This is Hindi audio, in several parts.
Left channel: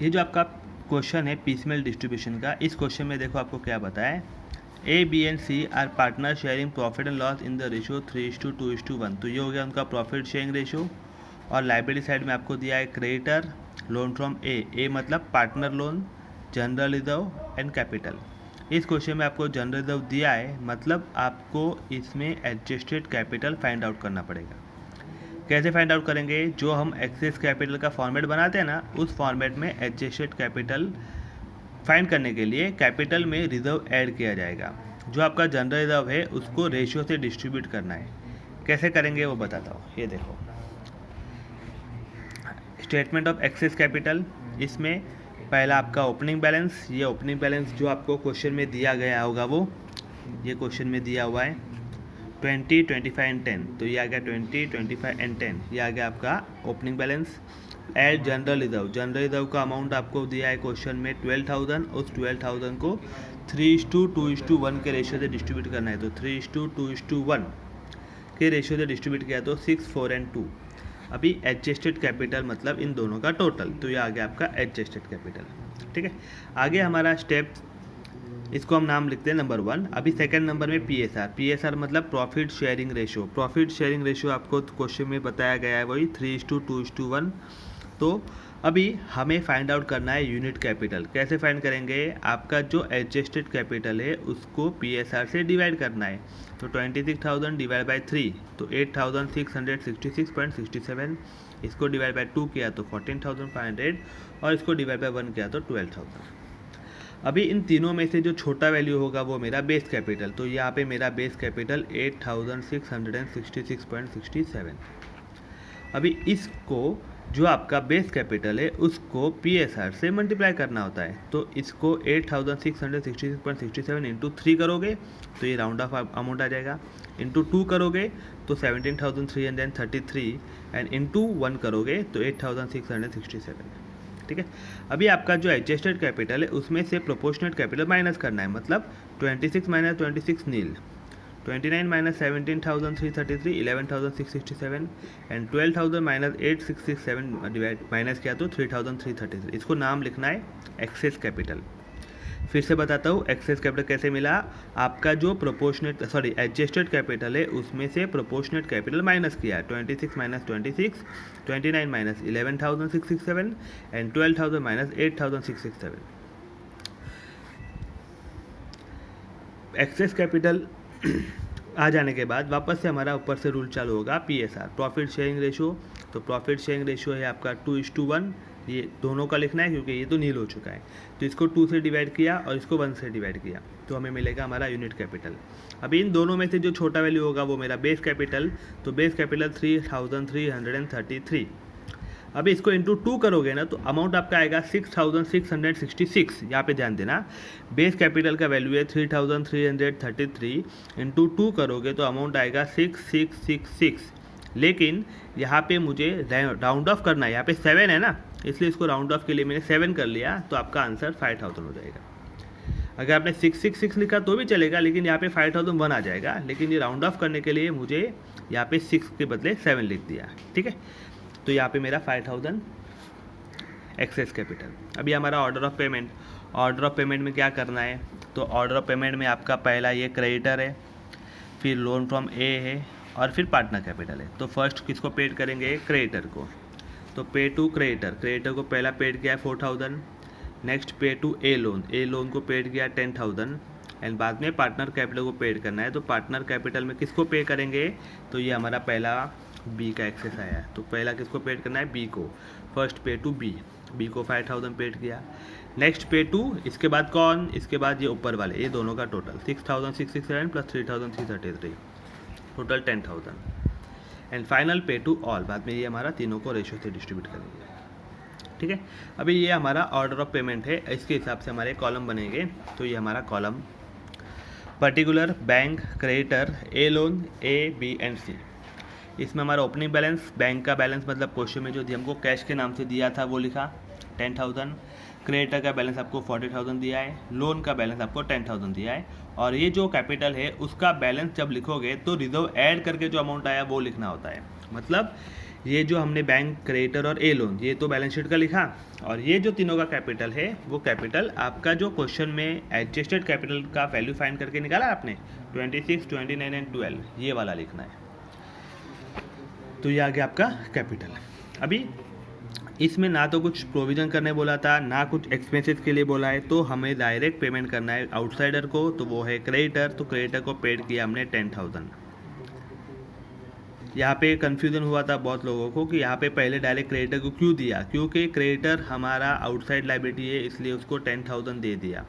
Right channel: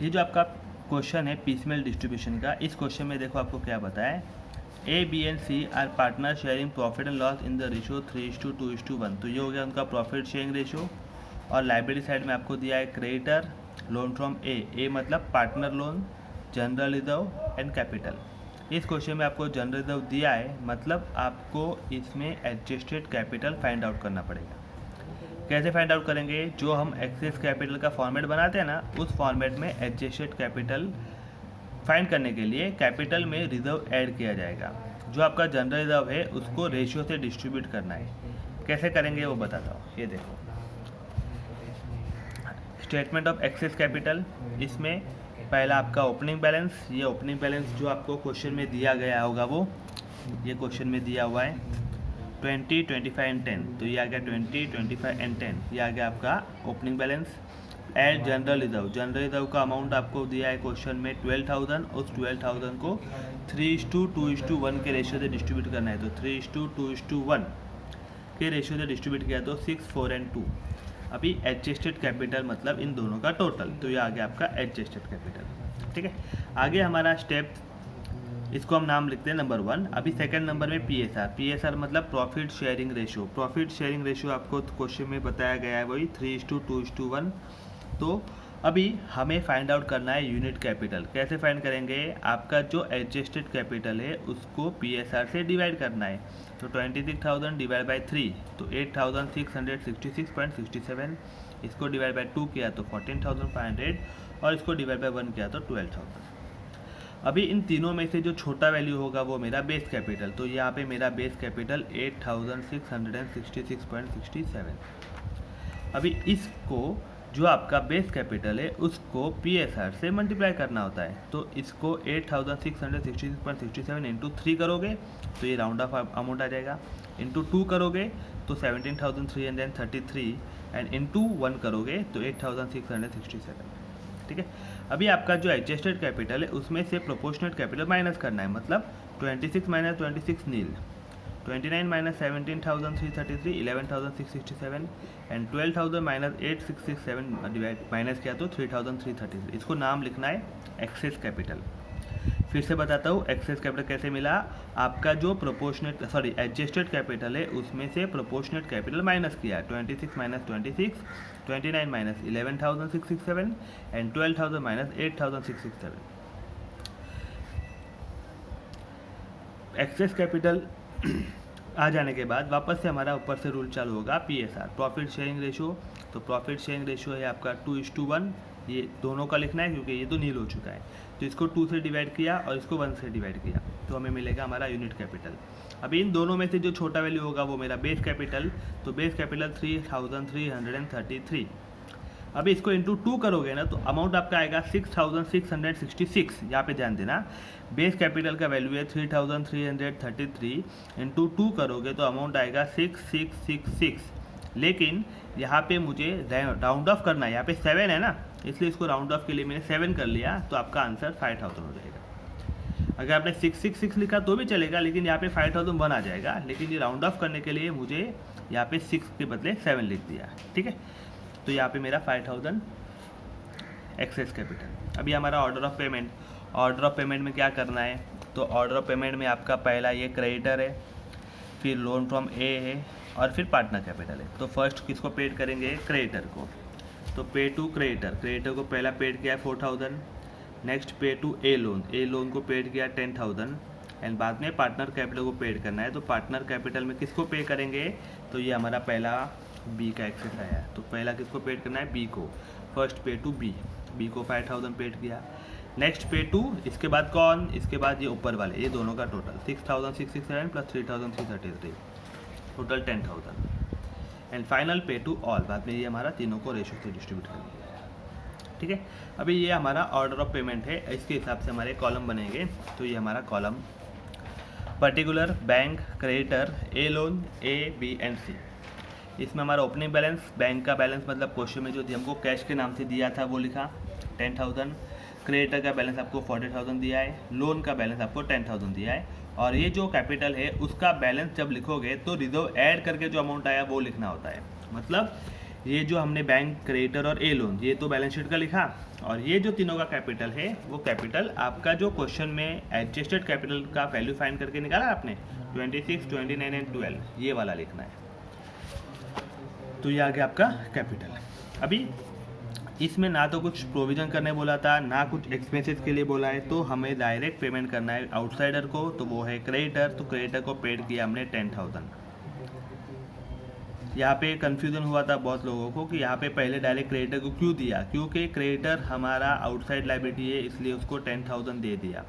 ये जो आपका क्वेश्चन है पीसमेल डिस्ट्रीब्यूशन का, इस क्वेश्चन में देखो आपको क्या बताया, A B and C are partner sharing profit and loss in the ratio 3:2:1। तो ये हो गया उनका प्रॉफिट शेयरिंग रेशियो। और लाइबिलिटी साइड में आपको दिया है क्रेडिटर लोन फ्रॉम ए मतलब partner loan, general reserve and capital. इस क्वेश्चन में आपको जनरल रिजर्व दिया है, मतलब आपको इसमें एडजस्टेड कैपिटल फाइंड आउट करना पड़ेगा। कैसे फाइंड आउट करेंगे, जो हम एक्सेस कैपिटल का फॉर्मेट बनाते हैं ना, उस फॉर्मेट में एडजस्टेड कैपिटल फाइंड करने के लिए कैपिटल में रिजर्व ऐड किया जाएगा। जो आपका जनरल रिजर्व है उसको रेशियो से डिस्ट्रीब्यूट करना है। कैसे करेंगे वो बताता हूँ। ये देखो स्टेटमेंट ऑफ एक्सेस कैपिटल, इसमें पहला आपका ओपनिंग बैलेंस। ये ओपनिंग बैलेंस जो आपको क्वेश्चन में दिया गया होगा वो ये क्वेश्चन में दिया हुआ है 20, 25 एंड 10। तो ये आ गया 20, 25 एंड 10, ये आ गया आपका opening balance. Add general reserve, general reserve का अमाउंट आपको दिया है क्वेश्चन में 12,000। उस 12,000 को 3:2:1 के रेशियो से डिस्ट्रीब्यूट करना है। तो 3:2:1 के रेशियो से डिस्ट्रीब्यूट किया तो 6, 4 एंड 2। अभी एडजस्टेड कैपिटल मतलब इन दोनों का टोटल, तो ये आ गया आपका एडजस्टेड कैपिटल। ठीक है, आगे हमारा स्टेप, इसको हम नाम लिखते हैं नंबर 1। अभी सेकंड नंबर में पीएसआर मतलब profit sharing ratio. Profit sharing ratio आपको क्वेश्चन में बताया गया है वही 3:2:1। तो अभी हमें फाइंड आउट करना है यूनिट कैपिटल। कैसे फाइंड करेंगे, आपका जो एडजस्टेड कैपिटल है उसको पीएसआर से डिवाइड करना है। तो 26,000 डिवाइड बाई 3 तो 8,666.67। इसको डिवाइड बाई 2 किया तो 14,500 और इसको डिवाइड बाई 1 किया तो 12,000। अभी इन तीनों में से जो छोटा वैल्यू होगा वो मेरा बेस कैपिटल। तो यहाँ पे मेरा बेस कैपिटल 8,666.67। अभी इसको जो आपका बेस कैपिटल है उसको पीएसआर से मल्टीप्लाई करना होता है। तो इसको 8,666.67 इंटू 3 करोगे तो ये राउंड ऑफ अमाउंट आ जाएगा। इंटू 2 करोगे तो 17,333 एंड इंटू 1 करोगे तो 8,667। ठीक है, अभी आपका जो एडजस्टेड कैपिटल है उसमें से प्रोपोर्शनेट कैपिटल माइनस करना है। मतलब 26 minus 26 nil, 29 minus 17,333 11,667 and 12,000 minus 8,667 divide minus किया तो 3,333। इसको नाम लिखना है एक्सेस कैपिटल। फिर से बताता हूँ एक्सेस कैपिटल कैसे मिला। आपका जो एडजस्टेड कैपिटल है उसमें से प्रोपोर्शनेट कैपिटल माइनस किया, 26 minus 26, 29 minus 11,667 and 12,000 minus 8,667। Excess capital आ जाने के बाद वापस से हमारा ऊपर से रूल चालू होगा पीएसआर, प्रॉफिट शेयरिंग रेशियो। तो प्रॉफिट शेयरिंग रेशियो है आपका 2:1। ये दोनों का लिखना है क्योंकि ये तो नील हो चुका है। तो इसको 2 से डिवाइड किया और इसको 1 से डिवाइड किया तो हमें मिलेगा हमारा यूनिट कैपिटल। अभी इन दोनों में से जो छोटा वैल्यू होगा वो मेरा बेस कैपिटल। तो बेस कैपिटल 3,333। अभी इसको इंटू 2 करोगे ना तो अमाउंट आपका आएगा 6,666। यहाँ पे ध्यान देना, बेस कैपिटल का वैल्यू है 3,333, इंटू 2 करोगे तो अमाउंट आएगा 6,666। लेकिन यहाँ पे मुझे राउंड ऑफ करना है, यहाँ पे 7 है ना, इसलिए इसको राउंड ऑफ के लिए मैंने 7 कर लिया। तो आपका आंसर 5,000 हो जाएगा। अगर आपने 666 लिखा तो भी चलेगा, लेकिन यहाँ पे 5,001 आ जाएगा। लेकिन ये राउंड ऑफ करने के लिए मुझे यहाँ पे 6 के बदले 7 लिख दिया। ठीक है, तो यहाँ पे मेरा 5,000 एक्सेस कैपिटल। अभी हमारा order of payment, order of payment में क्या करना है, तो ऑर्डर ऑफ पेमेंट में आपका पहला ये क्रेडिटर है, फिर लोन फ्रॉम ए है और फिर पार्टनर कैपिटल है। तो फर्स्ट किसको पेड करेंगे, क्रेडिटर को। तो पे टू क्रेडिटर, क्रेडिटर को पहला पेड किया 4,000। नेक्स्ट पे टू ए लोन को पेड किया 10,000 एंड बाद में पार्टनर कैपिटल को पेड करना है। तो पार्टनर कैपिटल में किसको पे करेंगे, तो ये हमारा पहला बी का एक्सेस आया है। तो पहला किसको पेड करना है, बी को। फर्स्ट पे टू बी को 5,000 पेड किया। नेक्स्ट पे टू, इसके बाद कौन, इसके बाद ये ऊपर वाले, ये दोनों का total 6,667 plus 3,333, total 10,000 and final पे टू ऑल। बाद में ये हमारा तीनों को रेशियो से डिस्ट्रीब्यूट करेंगे। ठीक है, अभी ये हमारा ऑर्डर ऑफ पेमेंट है, इसके हिसाब से हमारे कॉलम बनेंगे। तो ये हमारा column particular bank creditor A loan A B and C. इसमें हमारा ओपनिंग बैलेंस, बैंक का बैलेंस मतलब क्वेश्चन में जो हमको कैश के नाम से दिया था वो लिखा 10,000। क्रेडिटर का बैलेंस आपको 40,000 दिया है, लोन का बैलेंस आपको 10,000 दिया है। और ये जो कैपिटल है उसका बैलेंस जब लिखोगे तो रिजर्व ऐड करके जो अमाउंट आया वो लिखना होता है। मतलब ये जो हमने बैंक, क्रेडिटर और ए लोन, ये तो बैलेंस शीट का लिखा, और ये जो तीनों का कैपिटल है वो कैपिटल आपका जो क्वेश्चन में एडजस्टेड कैपिटल का वैल्यू फाइंड करके निकाला आपने 26, 29 एंड 12, ये वाला लिखना है। तो ये आ गया आपका कैपिटल। अभी इसमें ना तो कुछ प्रोविज़न करने बोला था, ना कुछ एक्सपेंसेस के लिए बोला है, तो हमें डायरेक्ट पेमेंट करना है आउटसाइडर को, तो वो है क्रेडिटर। तो क्रेडिटर को पेड किया हमने 10,000। यहाँ पे कन्फ्यूज़न हुआ था बहुत लोगों को कि यहाँ पे पहले डायरेक्ट क्रेडिटर को क्यों दिया, क्योंकि क्रेडिटर हमारा आउटसाइड लायबिलिटी है, इसलिए उसको 10,000 दे दिया।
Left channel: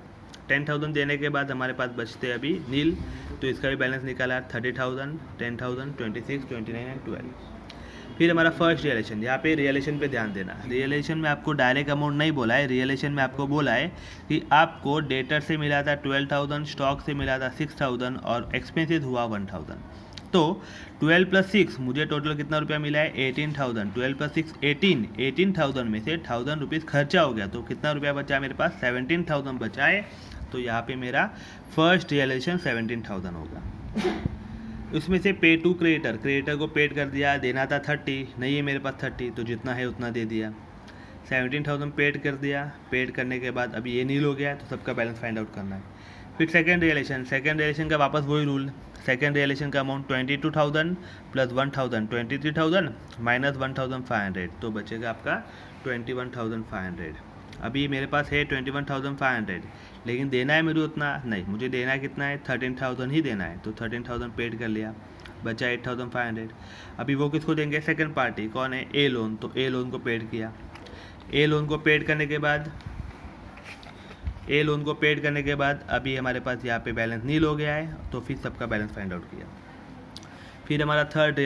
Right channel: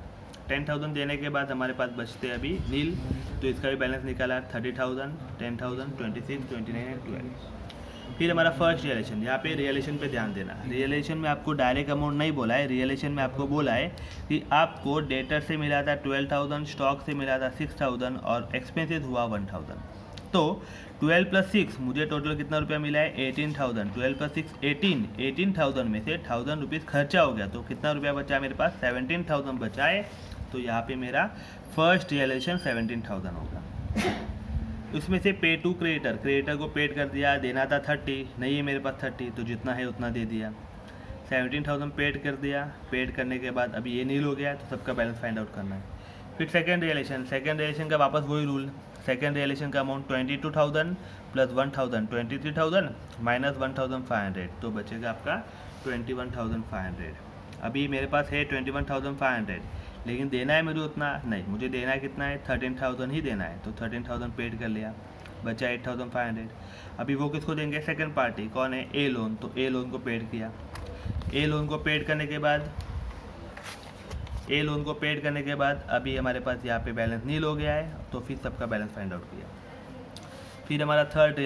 10,000 देने के बाद हमारे पास बचते अभी नील, तो इसका भी बैलेंस निकाला 30,000, 10,000, 26, 29 एंड 12। फिर हमारा फर्स्ट रियलेशन, यहाँ पे रियलेशन पे ध्यान देना। रियलेशन में आपको डायरेक्ट अमाउंट नहीं बोला है, रियलेशन में आपको बोला है कि आपको डेटर से मिला था 12,000, स्टॉक से मिला था 6,000 और एक्सपेंसेस हुआ 1,000। तो 12 + 6 मुझे टोटल कितना रुपया मिला है 18,000। 12 + 6 18,000 में से 1,000 रुपीज़ खर्चा हो गया, तो कितना रुपया बचा मेरे पास 17,000 बचा है। तो यहाँ पे मेरा फर्स्ट रियलेशन 17,000 होगा। उसमें से पे टू क्रेडिटर, क्रेडिटर को पेड कर दिया, देना था 30, नहीं है मेरे पास 30, तो जितना है उतना दे दिया। 17,000 पेड कर दिया, पेड करने के बाद अभी ये नील हो गया, तो सबका बैलेंस फाइंड आउट करना है। फिर सेकेंड रियलेशन का वापस वही रूल। सेकेंड रियलेशन का अमाउंट 22,000 + 1,000, 23,000 माइनस 1,500, तो बचेगा आपका 21,500। अभी मेरे पास है 21,500, लेकिन देना है मुझे उतना नहीं, मुझे देना है कितना है 13,000 ही देना है, तो 13,000 पेड कर लिया, बचा 8,500। अभी वो किसको देंगे, सेकंड पार्टी कौन है, ए लोन, तो ए लोन को पेड किया। ए लोन को पेड करने के बाद अभी हमारे पास यहाँ पे बैलेंस नील हो गया है, तो फिर सबका बैलेंस फाइंड आउट किया। फिर हमारा थर्ड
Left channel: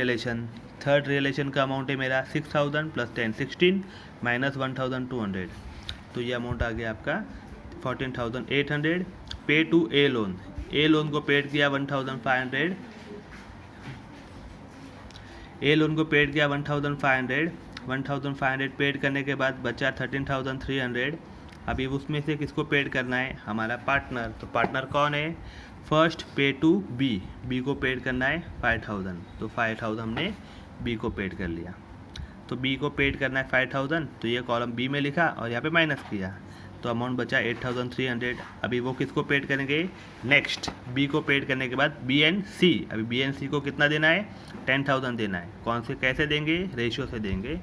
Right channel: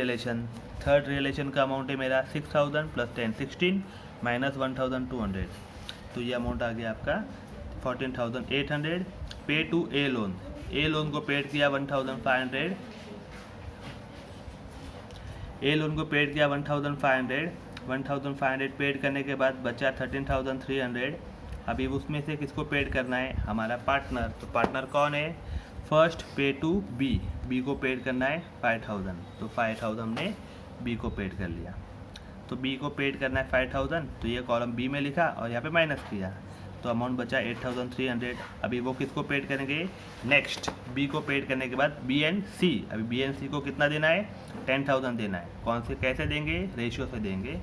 रियलेशन का अमाउंट है मेरा 6,000 + 10 16 माइनस 1,200, तो ये अमाउंट आ गया आपका 14,800। पे टू ए लोन को पेड किया 1,500, ए लोन को पेड किया 1,500 पेड करने के बाद बचा 13,300। अभी उसमें से किसको पेड करना है, हमारा पार्टनर, तो पार्टनर कौन है, फर्स्ट पे टू बी को पेड करना है 5,000, तो 5,000 हमने बी को पेड कर लिया। तो बी को पेड करना है 5,000, तो ये कॉलम बी में लिखा और यहाँ पे माइनस किया, तो अमाउंट बचा 8,300। अभी वो किसको पेड करेंगे, नेक्स्ट बी को पेड करने के बाद बी एंड सी। अभी बी एंड सी को कितना देना है 10,000 देना है। कौन से कैसे देंगे, रेशियो से देंगे,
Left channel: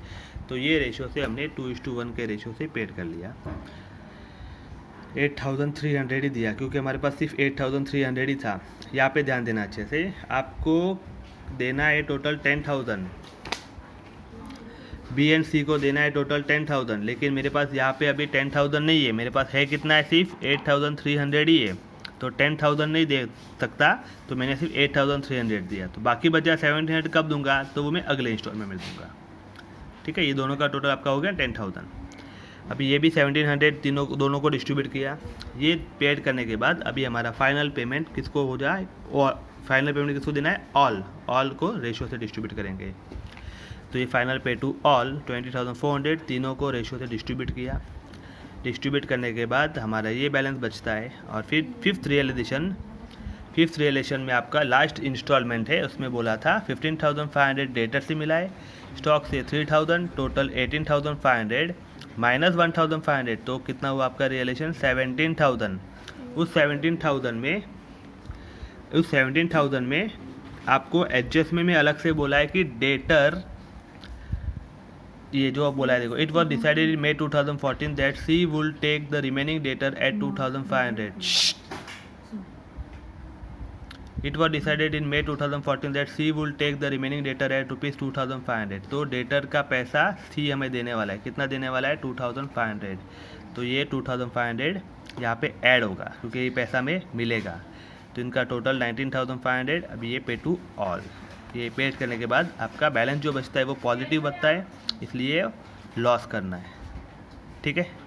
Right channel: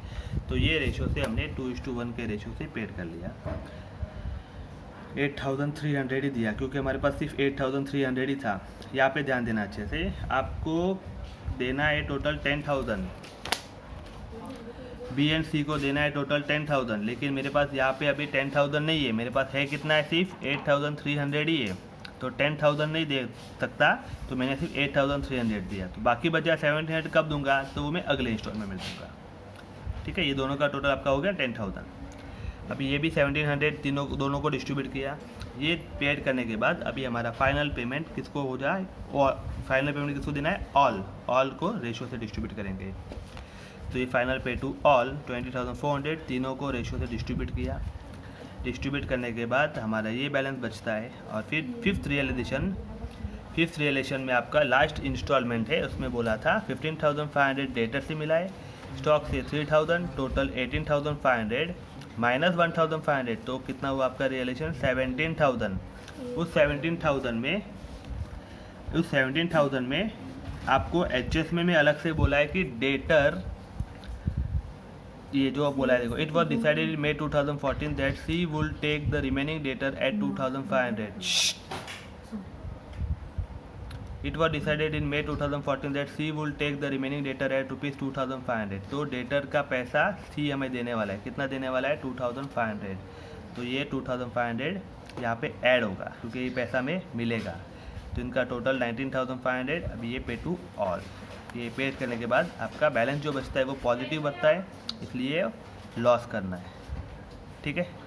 तो ये रेशियो से हमने 2:1 के रेशियो से पेड कर लिया। 8,300 ही दिया, क्योंकि हमारे पास सिर्फ 8,300 ही था। यहाँ पे ध्यान देना अच्छे से, आपको देना है टोटल 10,000, बी एंड सी को देना है टोटल 10,000, लेकिन मेरे पास यहाँ पे अभी 10,000 नहीं है, मेरे पास है कितना है, सिर्फ 8,300 ही है, तो 10,000 नहीं दे सकता, तो मैंने सिर्फ 8,300 दिया। तो बाकी बचा 700 कब दूंगा, तो वो मैं अगले इंस्टॉलमेंट में दूंगा। ठीक है, ये दोनों का टोटल आपका हो गया 10,000। अभी ये भी 1700 दोनों को डिस्ट्रीब्यूट किया। ये पेड करने के बाद अभी हमारा फाइनल पेमेंट किसको हो जाए, और फाइनल पेमेंट किसको देना है, ऑल को रेशियो से डिस्ट्रीब्यूट करेंगे। तो ये फाइनल पे टू ऑल 20,400 तीनों को रेशियो से डिस्ट्रीब्यूट किया। डिस्ट्रीब्यूट करने के बाद हमारा ये बैलेंस बचता है। और फिर फिफ्थ रियलेशन में आपका लास्ट इंस्टॉलमेंट है, उसमें बोला था 15,500 डेटर से मिला है, स्टॉक से 3,000, टोटल 18,500 माइनस 1,500, तो कितना हुआ आपका रियलेशन 17,000। उस 17,000 में आपको एडजस्टमेंट में अलग से बोला है कि डेटर, ये जो आप बोला है देखो, it was decided in May 2014 that C will take the remaining debtor at 2,500। It was decided in May 2014 that C will take the remaining debtor at ₹2,500। तो डेटर का पैसा सी हमें देने वाला है, कितना देने वाला है 2,500, तो ये 2,500 यहाँ पे ऐड होगा क्योंकि ये पैसा हमें मिलेगा, तो इनका टोटल 19,500। अभी ये पे टू ऑल, ये पेड करने के बाद आपका बैलेंस जो बचता है वो पॉजिटिव बचता है, इसलिए लॉस करना है। ठीक है।